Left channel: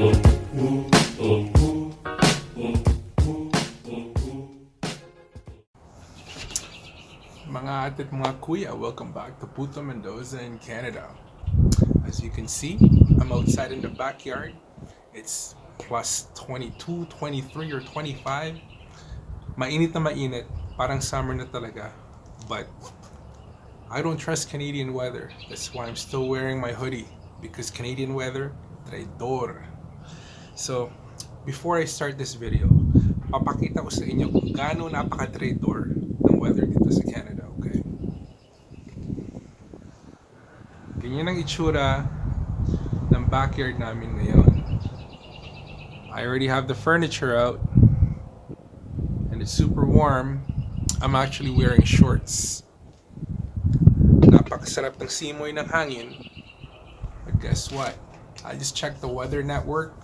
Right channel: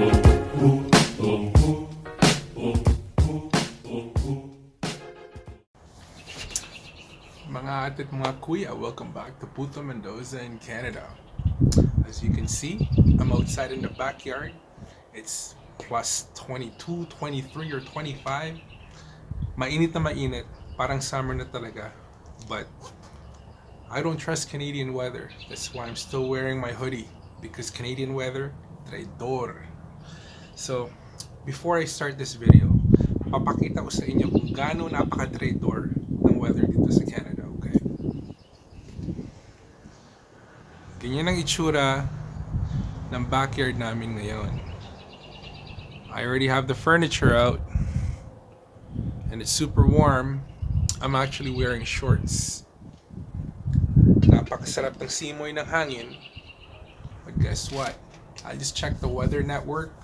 Mga ate at mga kuya, welcome back to PuTo Mendoza in Canada. As you can see, I'm outside in the backyard. It's plus 22, 23, or 25. Mainit na mainit, parang summer na talaga. But I don't trust Canadian weather. That's why I'm still wearing my hoodie, because Canadian weather, traidor. So, before I start this video, papakita ko sa inyo kung gaano napaka-traidor ng weather dito sa Canada, okay? Ganyan ang itsura ng backyard namin ngayon. I already have the furniture out and it's super warm. I'm actually wearing shorts. Napakasarap ng simoy ng hangin. But guess what? I just checked the weather network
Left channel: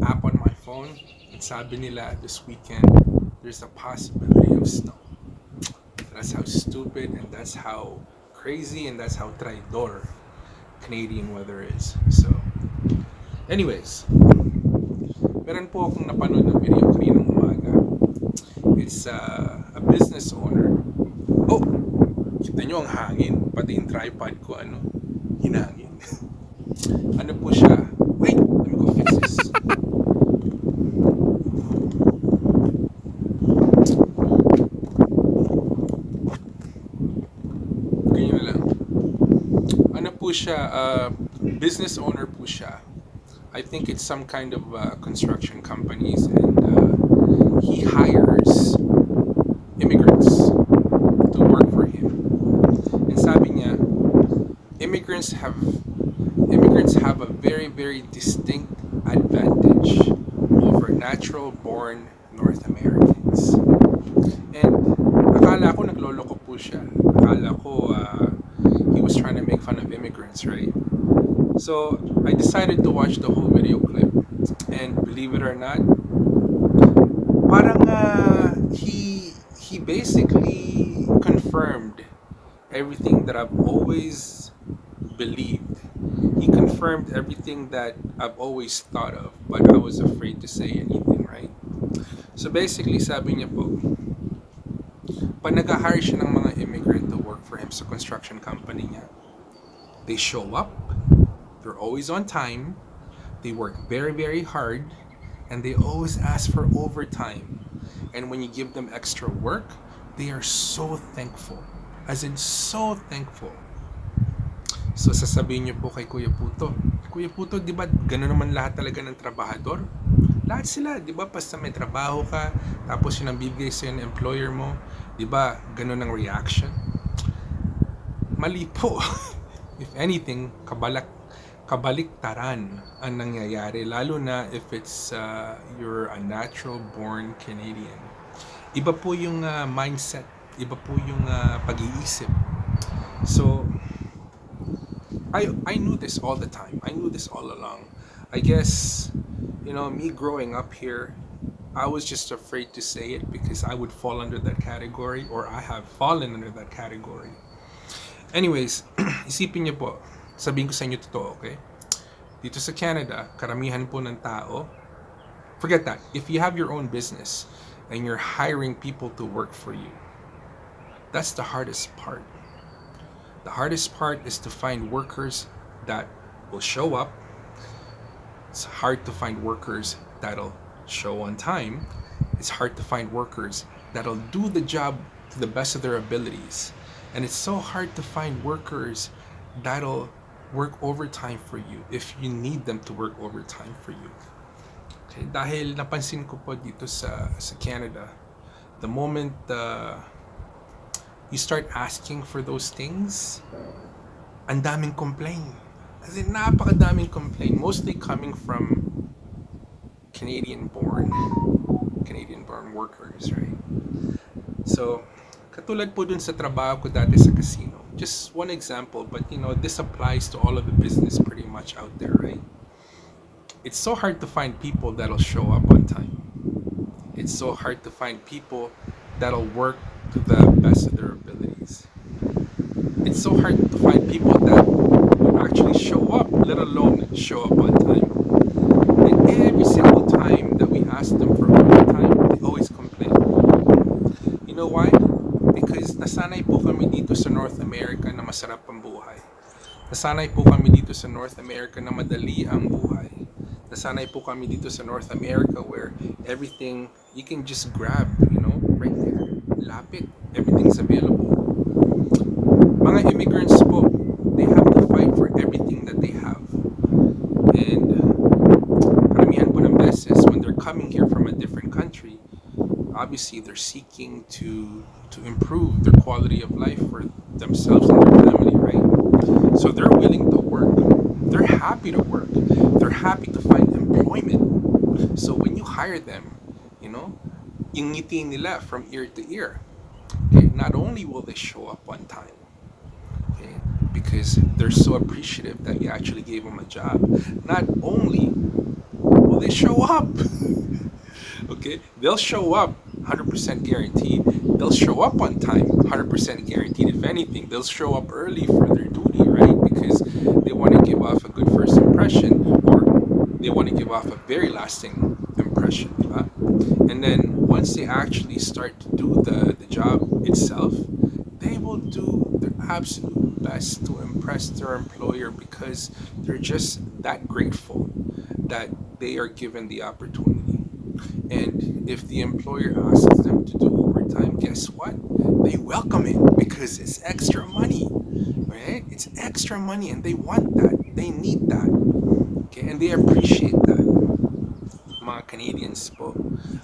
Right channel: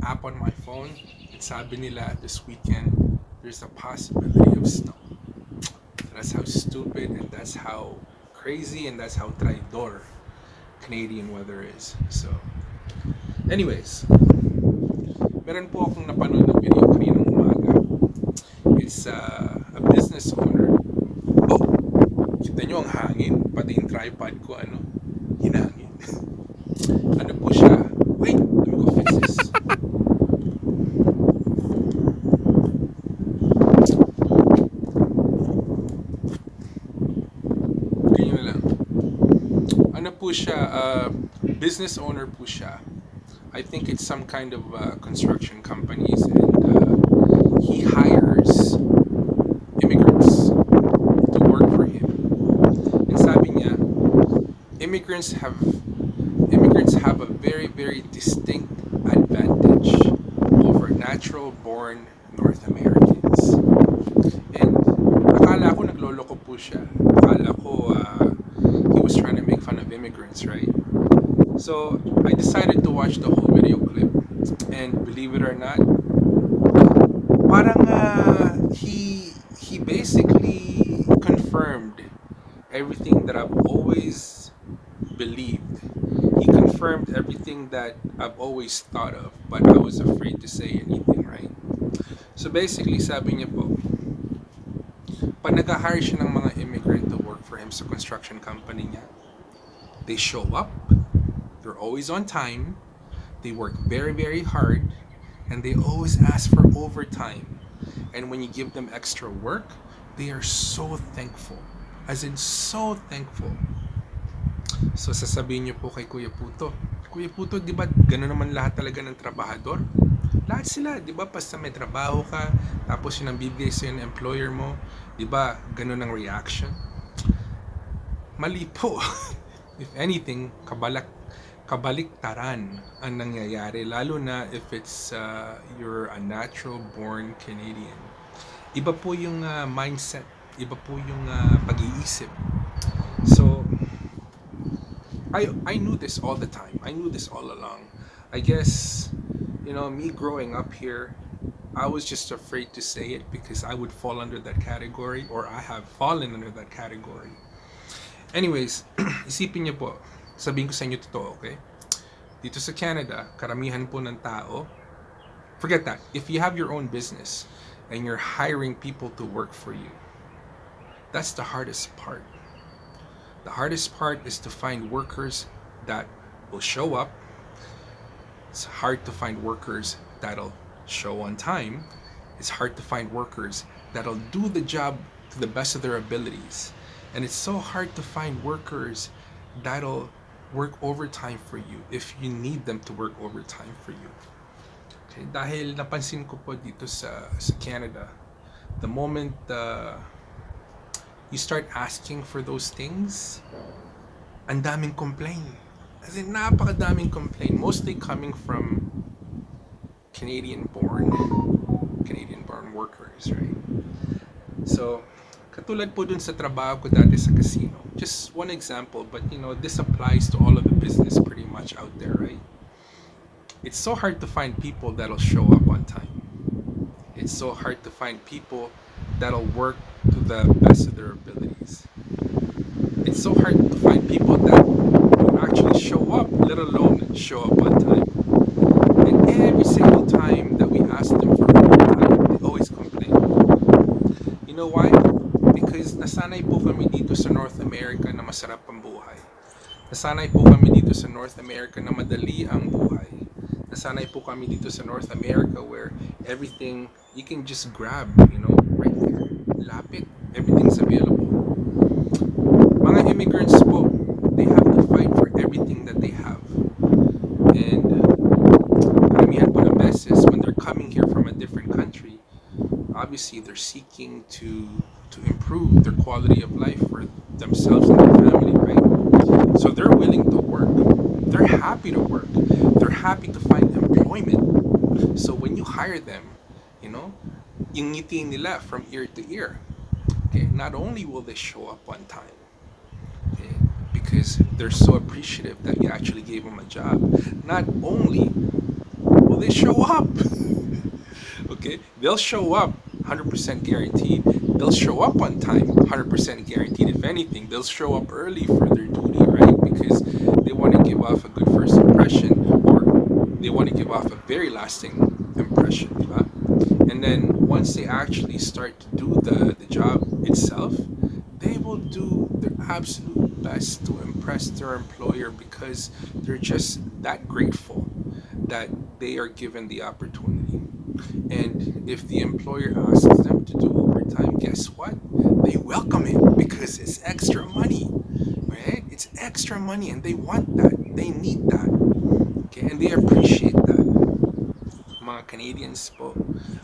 app on my phone. And sabi nila this weekend, there's a possibility of snow. That's how stupid and that's how crazy and that's how traidor Canadian weather is. So, anyways, meron po akong napanood na video kaninang umaga. It's a business owner. Oh, kita nyo ang hangin, pati yung tripod ko, hinangin. Ano po siya? Wait, let me go fix this. Ganyan na lang. Ano po siya? Business owner po siya. I think it's some kind of construction companies, and he hires immigrants to work for him. And sabi niya, immigrants have a very, very distinct advantage over natural-born North Americans. And akala ko nagloloko po siya. Akala ko he was trying to make fun of immigrants, right? So I decided to watch the whole video clip, and believe it or not, parang he basically confirmed everything that I've always believed. He confirmed everything that I've always thought of, but I was afraid to say anything, right? So basically, sabi niya po, pag nag-hire siya ng mga immigrant to work for him sa construction company niya, they show up, they're always on time, they work very, very hard, and they always ask for overtime. And when you give them extra work, they are so thankful. As in, so thankful. So sasabihin niyo po kay Kuya PuTo, di ba gano'n naman lahat talaga ng trabahador? Lahat sila, di ba, basta may trabaho ka, tapos yun ang bibigay sa'yo ng employer mo, di ba, gano'n ang reaction? Mali po. If anything, kabaliktaran ang nangyayari, lalo na if it's you're a natural-born Canadian. Iba po yung mindset, iba po yung pag-iisip. So, I knew this all the time. I knew this all along. I guess, me growing up here, I was just afraid to say it because I would fall under that category, or I have fallen under that category. Anyways, isipin niyo po, sabihin ko sa inyo totoo, okay? Dito sa Canada, karamihan po ng tao, forget that. If you have your own business and you're hiring people to work for you, that's the hardest part. The hardest part is to find workers that will show up. It's hard to find workers that'll show on time. It's hard to find workers that'll do the job to the best of their abilities. And it's so hard to find workers that'll work overtime for you if you need them to work overtime for you. Okay, dahil napansin ko po dito sa Canada, the moment you start asking for those things, ang daming complain. As in, napakadaming complain. Mostly coming from Canadian-born workers, right? So, katulad po dun sa trabaho ko dati sa casino. Just one example, but this applies to all of the business pretty much out there, right? It's so hard to find people that'll show up on time. It's so hard to find people that'll work to the best of their abilities. It's so hard to find people that would actually show up, let alone show up on time. ask them for overtime, they always complain. You know why? Because nasanay po kami dito sa North America na masarap ang buhay. Nasanay po kami dito sa North America na madali ang buhay. Nasanay po kami dito sa North America where everything you can just grab, right there. Lapit. Everything's available. Mga immigrants po, they have to fight for everything that they have. And karamihan po ng beses, when they're coming here from a different country, obviously they're seeking to improve their quality of life for themselves and their family, right? So they're willing to work. They're happy to work. They're happy to find employment. So when you hire them, yung ngiti nila from ear to ear. Okay, not only will they show up on time, okay, because they're so appreciative that you actually gave them a job. Not only will they show up, okay, they'll show up 100% guaranteed. They'll show up on time 100% guaranteed. If anything, they'll show up early for their duty, right? Because they want to give off a good first impression, or they want to give off a very lasting impression, diba? And then once they actually start to do the job itself, they will do their absolute best to impress their employer because they're just that grateful that they are given the opportunity. And if the employer asks them to do overtime, guess what? They welcome it because it's extra money, right? It's extra money and they want that. They need that. Okay, and they appreciate that. Mga Canadians po.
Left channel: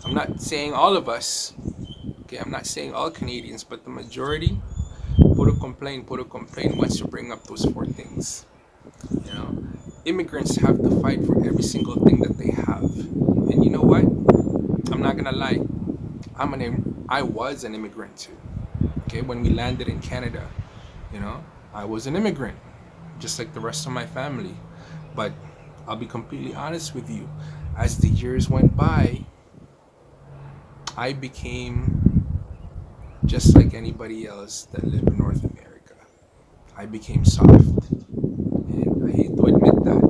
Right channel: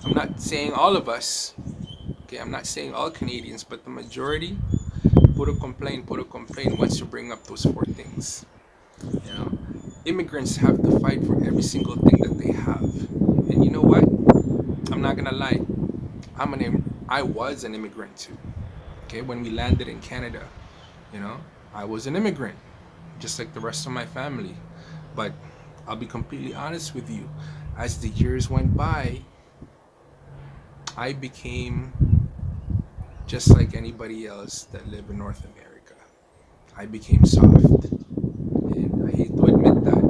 I'm not saying all of us. Okay, I'm not saying all Canadians, but the majority, puro complain once you bring up those four things. Immigrants have to fight for every single thing that they have. And you know what? I'm not gonna lie. I was an immigrant too. Okay, when we landed in Canada, I was an immigrant, just like the rest of my family. But I'll be completely honest with you. As the years went by, I became just like anybody else that lived in North America. I became soft. And I hate to admit that.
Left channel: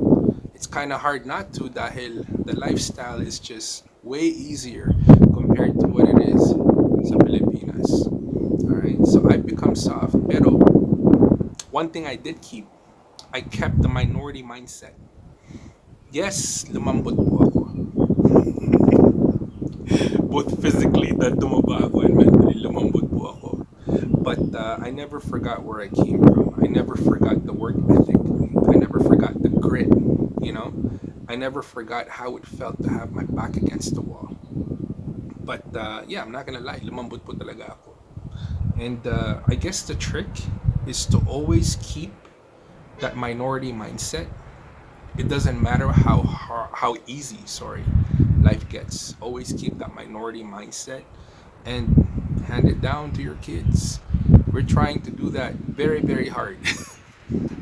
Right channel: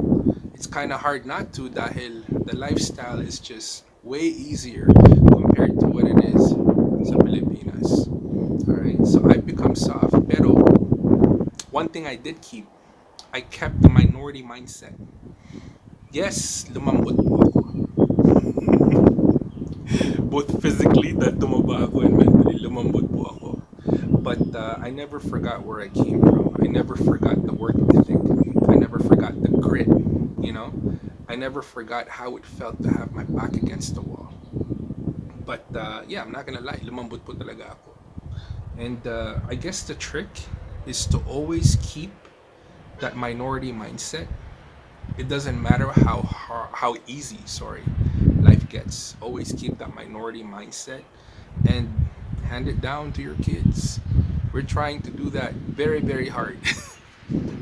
It's kind of hard not to dahil the lifestyle is just way easier compared to what it is sa Pilipinas. Alright? So I've become soft. Pero one thing I did keep, I kept the minority mindset. Yes, lumambot po ako. Both physically, that tumaba ako, and mentally, lumambot po ako. But I never forgot where I came from. I never forgot the work ethic. I never forgot the grit, I never forgot how it felt to have my back against the wall. But yeah, I'm not gonna lie, lumambot po talaga ako. And I guess the trick is to always keep that minority mindset. It doesn't matter how easy, life gets. Always keep that minority mindset and hand it down to your kids. We're trying to do that very, very hard.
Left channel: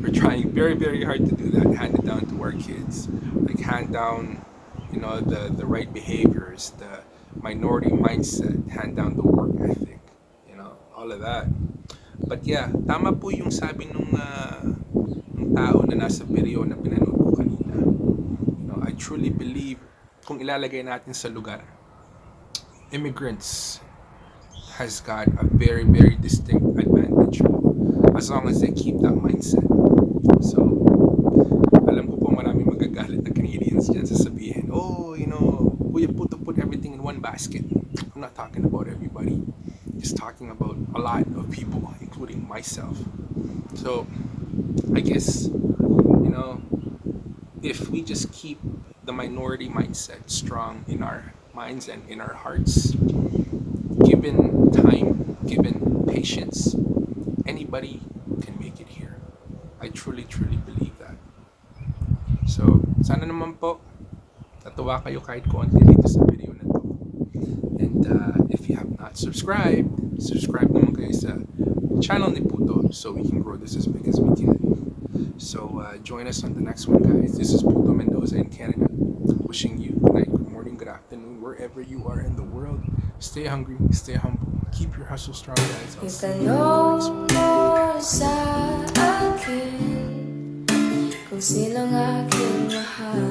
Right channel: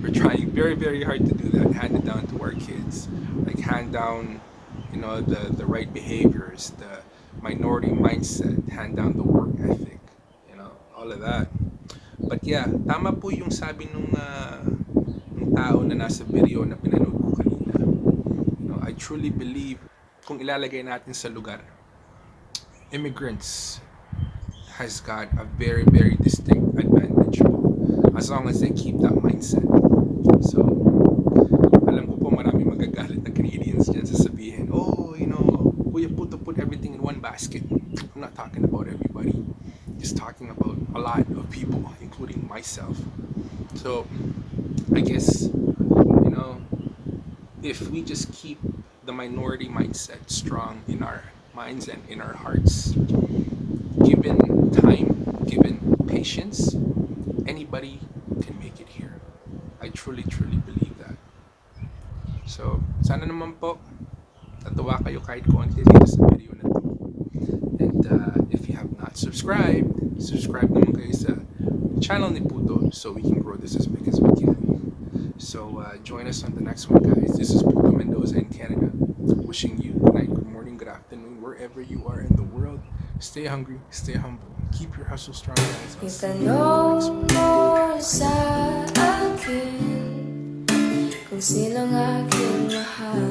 We're trying very, very hard to do that. Hand it down to our kids. Like hand down, the right behaviors, the minority mindset, hand down the work ethic, all of that. But yeah, tama po yung sabi nung tao na nasa video na pinanood ko kanina. I truly believe kung ilalagay natin sa lugar, immigrants has got a very, very distinct advantage as long as they keep that mindset. So, alam ko po marami magagalit na Canadians dyan sasabihin, Kuya PuTo put everything in one basket. I'm not talking about everybody. Just talking about a lot of people, including myself. So, I guess, if we just keep the minority mindset strong in our minds and in our hearts, given time, given patience, anybody can make it here. I truly, truly believe that. So, sana naman po, natuwa kayo kahit konti dito sa video na to. And if you have not subscribe naman kayo sa channel ni PuTo so we can grow this as big as we can. So join us on the next one, guys. This is PuTo Mendoza in Canada. Wishing you good night, good morning, good afternoon, wherever you are in the world. Stay hungry, stay humble, keep your hustle strong, guys. I'll see you in the next one. Itanong mo sa akin kung sinong aking mahal.